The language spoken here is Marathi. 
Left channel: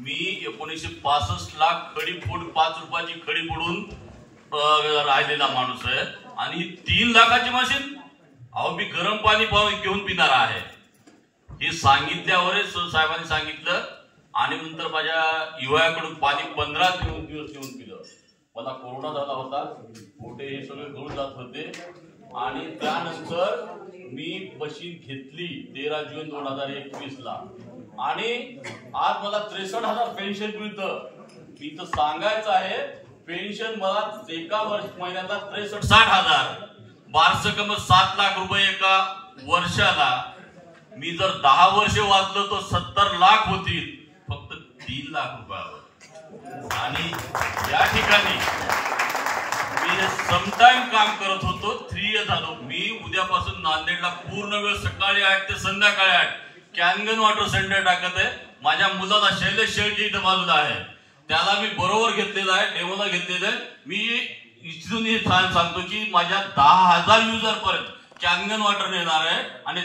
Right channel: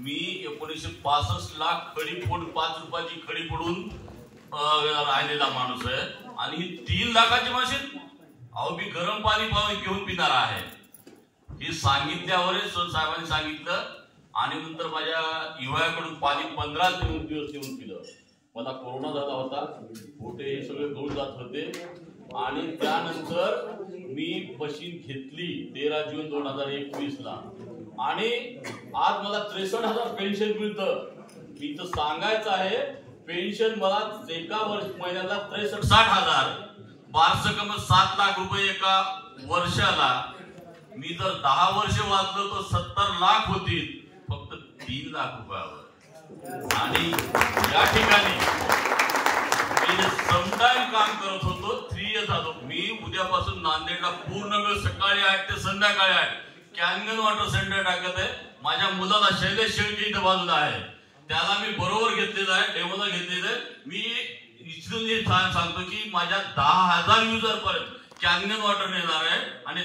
मी 1965 लाख खडी फोड 5 रुपयाची खडी फोडून राहिलेला माणूस आहे आणि 3 लाखाची मशीन अहो मी गरम पाणी घेऊन पिणार आहे हे सांगितल्यावरच साहेबांनी सांगितलं आणि नंतर माझ्या युवकाकडून पाणी 15 दिवस घेऊन पिलं. मला कोरोना झाला होता, पोटे हे सगळे गळून जात होते आणि त्यानंतर मी मशीन घेतली 13 जून 2021 ला आणि आज मला 63,000 पेन्शन मिळतं. मी तर सांगायचं आहे पेन्शन मला एका महिन्याला 63,000 वार्षिक 7 लाख रुपये एका वर्षाला. मी जर 10 वर्ष वाचलो तर 70 लाख होतील फक्त 3 लाख रुपयावर. आणि या ठिकाणी मी समटाइम काम करत होतो 3 इयर्स झालो. मी उद्यापासून नांदेडला पूर्ण वेळ सकाळी 8 ते संध्याकाळी 8 कॅनगन वॉटर सेंटर टाकत आहे. माझ्या मुलाला शैलेश शेळके इथं बाजूला आहे, त्याला मी बरोबर घेतलेलं आहे, डेमोला घेतलेलं आहे. मी इथून सांगतो की माझ्या 10,000 युजर पर्यंत कॅनगन वॉटर नेणार आहे आणि